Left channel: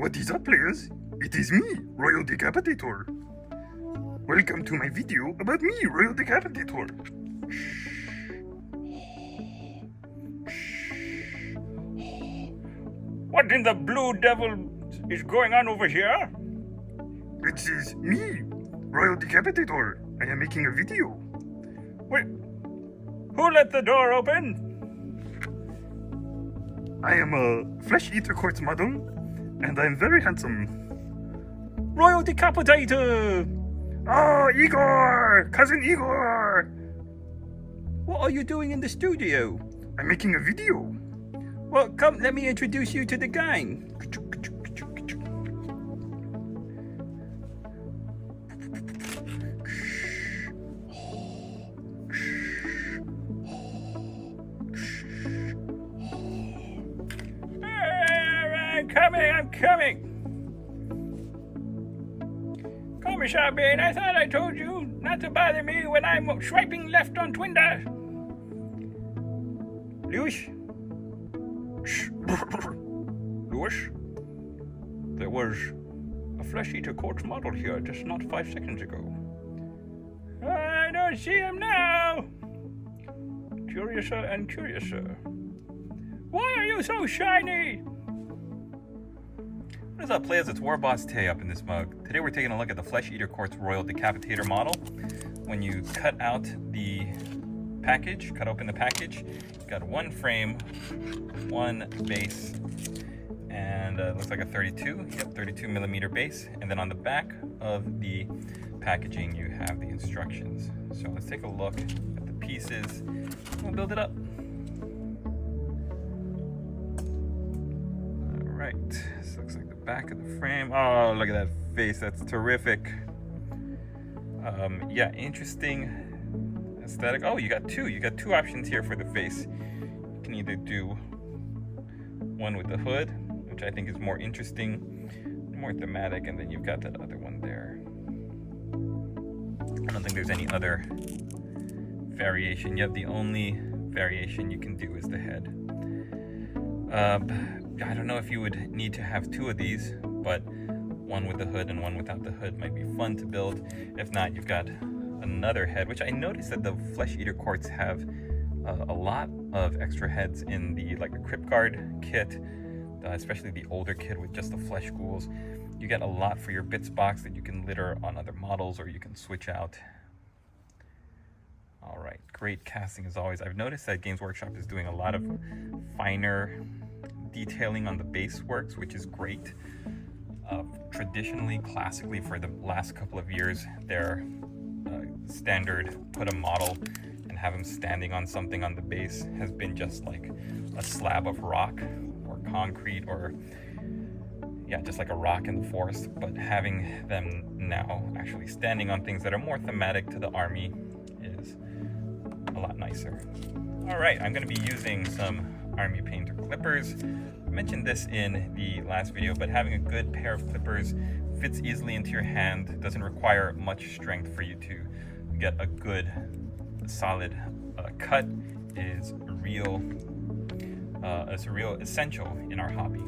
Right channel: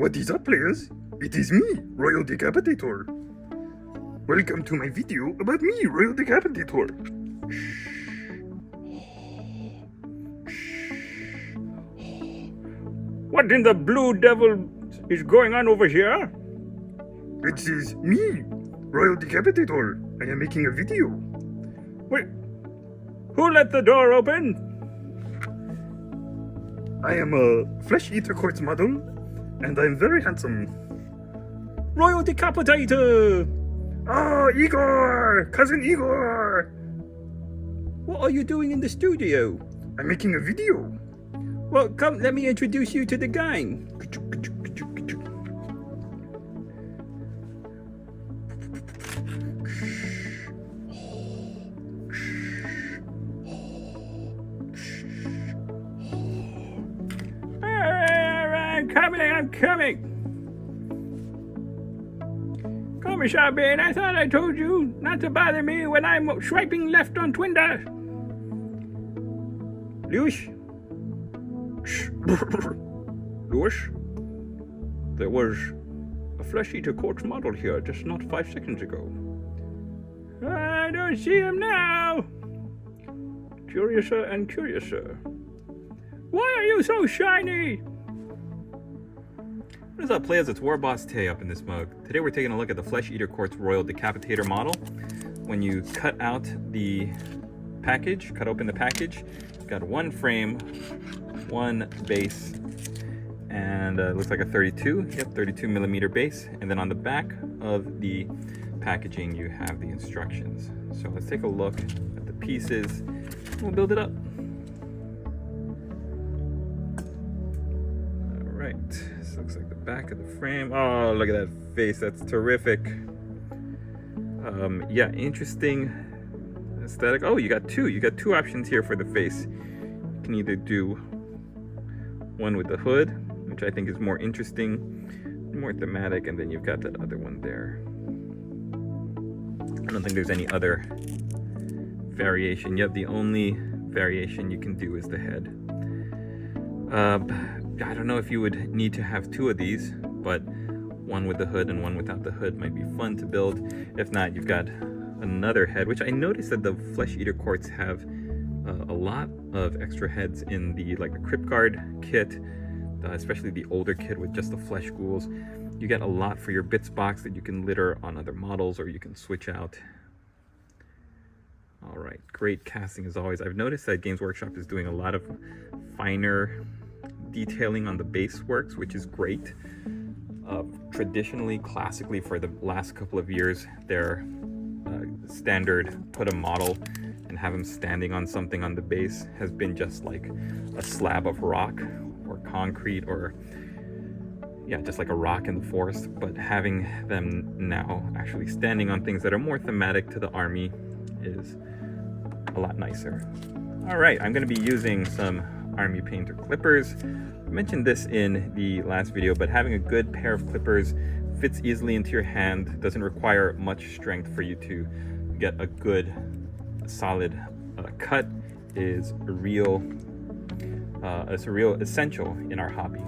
What is up, players? It is me, Royal Decapitator. Welcome to my video about me, Royal Decapitator. What in the blue devil is going on over here? It is me, Royal Decapitator. I am making a video. Wait, who let the door open? I am a flesh eater quartz model, and I am very handsome. Royal Decapitator! Oh, Igor! Cousin Igor! What are you doing in the studio? I'm making a video. Well, come, let me introduce you to the gang. I'm coming. Commissar Bean, I thought I told you not to bother me when I'm swiping left on Twinder. Lewis? Lewis? There was a flesh eater quartz model here just not 5 seconds ago. I don't see him now. Curiouser and curiouser. Why are you so shiny? What is up, players? It's Warboss Tay up in this mug. Today we're taking a look at the Flesh Eater Quartz Royal Decapitator model. When you cut out the package, cut open the package, you've got one frame, one base, and it looks like a 32 millimeter base. And then on the back of the packaging, you have the instructions. So let's take a look at the pieces. We'll build it up. This looks like the back of the frame. Oh, look at that face. That's terrific. Yeah, interesting aesthetic. Oh, you got two options here for the face. You can either do one with the hood, which I think is more interesting, more thematic, and then you've got that other one there. I don't think there's any other variation. Yep, the only variation you can do is the head. I don't know if you would need to have two of these, but one with the hood and one without the hood might be fun to build. If not, you've got another head, which I noticed that the Flesh Eater Quartz have a lot of extra heads in the Crypt Guard kit, especially the older kit with just the flesh ghouls. You get a lot for your bits box that you can litter on other models, or you can switch out. All right, great casting as always. I've noticed that Games Workshop is doing a lot of finer detailing on the base works, which is great. Traditionally, classically, for the last couple of years, their standard put a model and have them standing on something on the base has been just like a slab of rock or concrete, or yeah, just like a rock in the forest. But having them now actually standing on things that are more thematic to the army is a lot nicer. All right, I'm going to be using some Army Painter clippers. I mentioned this in the last video, but having a good pair of clippers fits easily into your hand, doesn't require much strength for you to get a good solid cut, is a real essential in our hobby.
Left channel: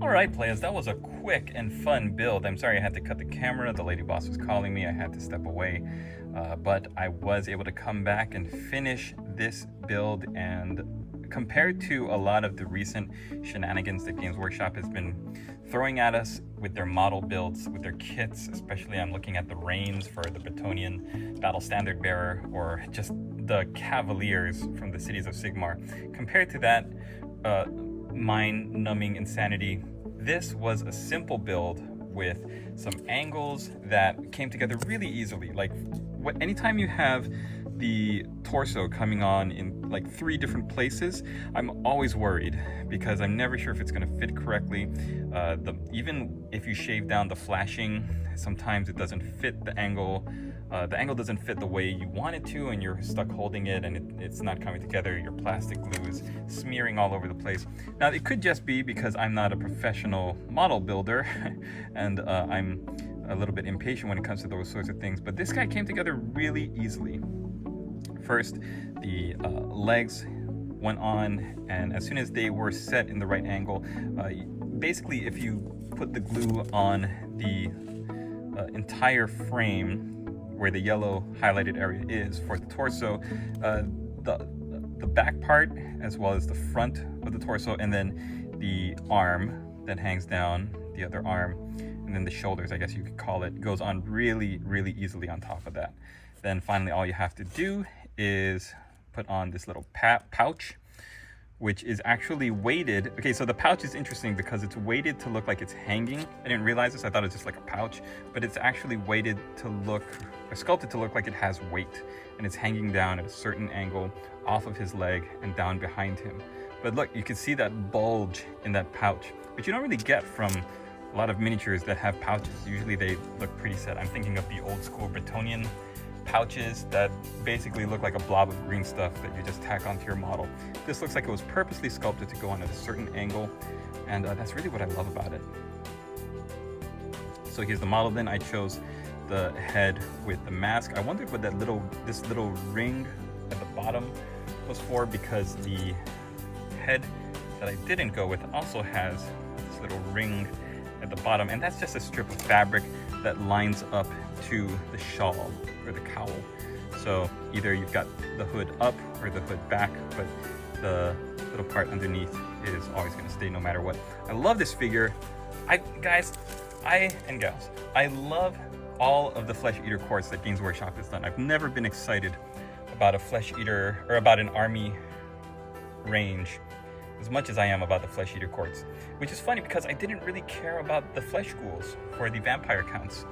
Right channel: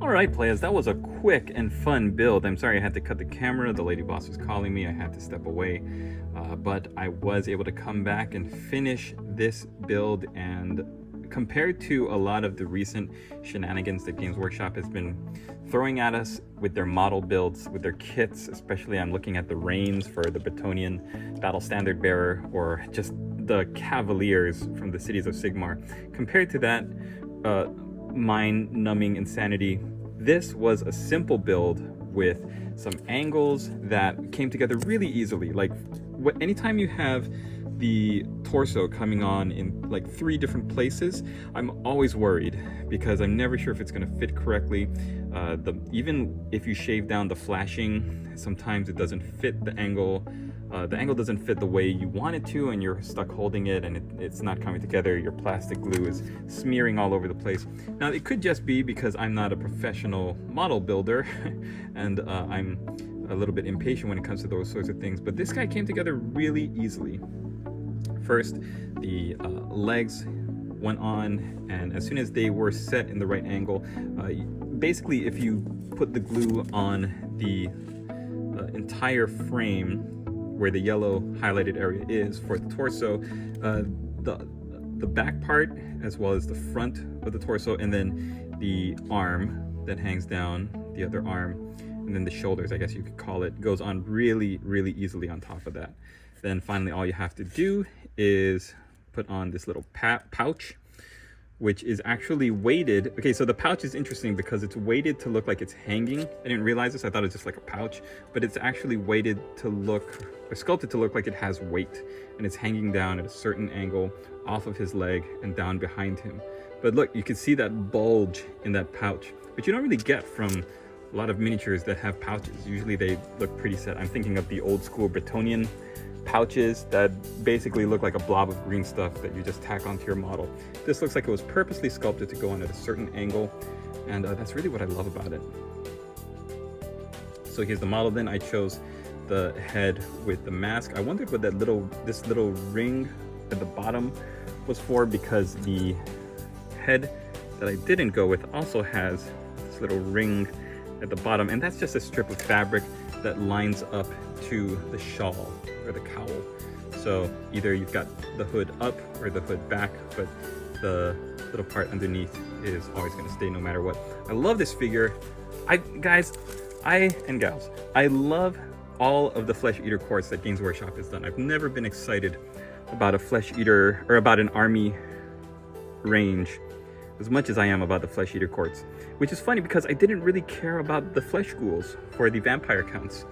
Alright, players, that was a quick and fun build. I'm sorry I had to cut the camera. The lady boss was calling me. I had to step away. But I was able to come back and finish this build, and compared to a lot of the recent shenanigans that Games Workshop has been throwing at us with their model builds, with their kits, especially I'm looking at the reins for the Bretonnian Battle Standard Bearer, or just the Cavaliers from the Cities of Sigmar. Compared to that mind-numbing insanity, this was a simple build with some angles that came together really easily. Anytime you have the torso coming on in like 3 different places, I'm always worried because I'm never sure if it's going to fit correctly. Even if you shave down the flashing, sometimes it doesn't fit the angle. The angle doesn't fit the way you want it to, and you're stuck holding it, and it's not coming together. Your plastic glue is smearing all over the place. Now, it could just be because I'm not a professional model builder, and I'm a little bit impatient when it comes to those sorts of things, but this guy came together really easily. First, the legs went on, and as soon as they were set in the right angle, basically if you put the glue on the entire frame where the yellow highlighted area is for the torso, the back part as well as the front of the torso, and then the arm that hangs down, the other arm, and then the shoulders, I guess you could call it, goes on really, really easily on top of that. Then finally, all you have to do is put on this little pouch, which is actually weighted. Okay, so the pouch is interesting because it's weighted to look like it's hanging. I didn't realize this, I thought it was just like a pouch, but it's actually weighted to look, or sculpted to look like it has weight, and it's hanging down at a certain angle off of his leg and down behind him. But look, you can see that bulge in that pouch, which you don't really get from a lot of miniatures that have pouches. Usually they look pretty set. I'm thinking of the old school Bretonian pouches that basically look like a blob of green stuff that you just tack onto your model. This looks like it was purposely sculpted to go on at a certain angle, and that's really what I love about it. So here's the model. Then I chose the head with the mask. I wondered what this little ring at the bottom was for, because the head that I didn't go with also has this little ring at the bottom, and that's just a strip of fabric that lines up to the shawl or the cowl. So either you've got the hood up or the hood back, but the little part underneath is always going to stay no matter what. I love this figure. Guys and gals, I love all of the Flesh Eater quartz that Games Workshop has done. I've never been excited about a Flesh Eater or about an army range as much as I am about the Flesh Eater quartz, which is funny because I didn't really care about the flesh ghouls for the vampire counts.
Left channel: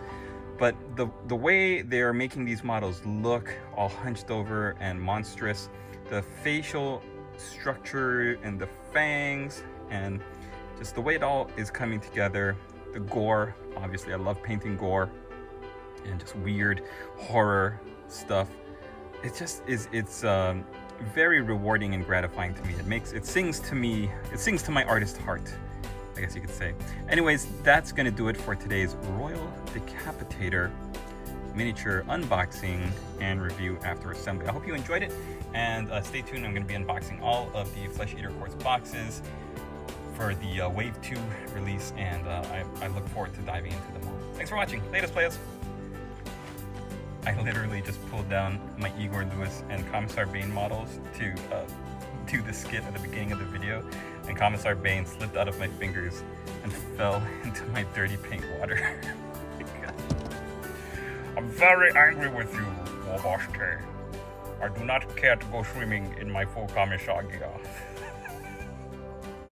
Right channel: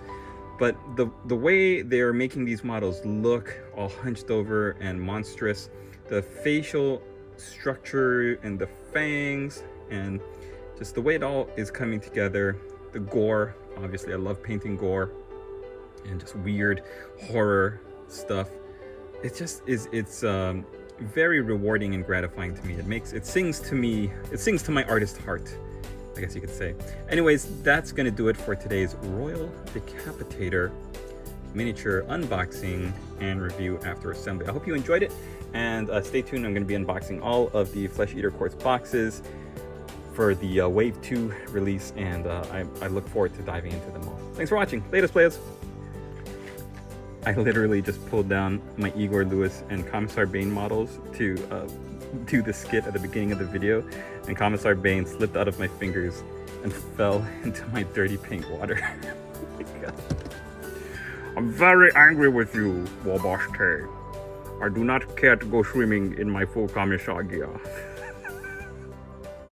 But the way they're making these models look all hunched over and monstrous, the facial structure and the fangs and just the way it all is coming together, the gore, obviously I love painting gore and just weird horror stuff. It just is, it's very rewarding and gratifying to me. It sings to my artist heart, I guess you could say. Anyways, that's gonna do it for today's Royal Decapitator miniature unboxing and review after assembly. I hope you enjoyed it, and stay tuned. I'm gonna be unboxing all of the Flesh Eater quartz boxes for the Wave 2 release, and I look forward to diving into them all. Thanks for watching. Latest players. I literally just pulled down my Igor Lewis and Commissar Bane models to do the skit at the beginning of the video, and Commissar Bane slipped out of my fingers and fell into my dirty paint water. Oh my God. I'm very angry with you, Wabash. I do not care to go swimming in my full Commissar gear.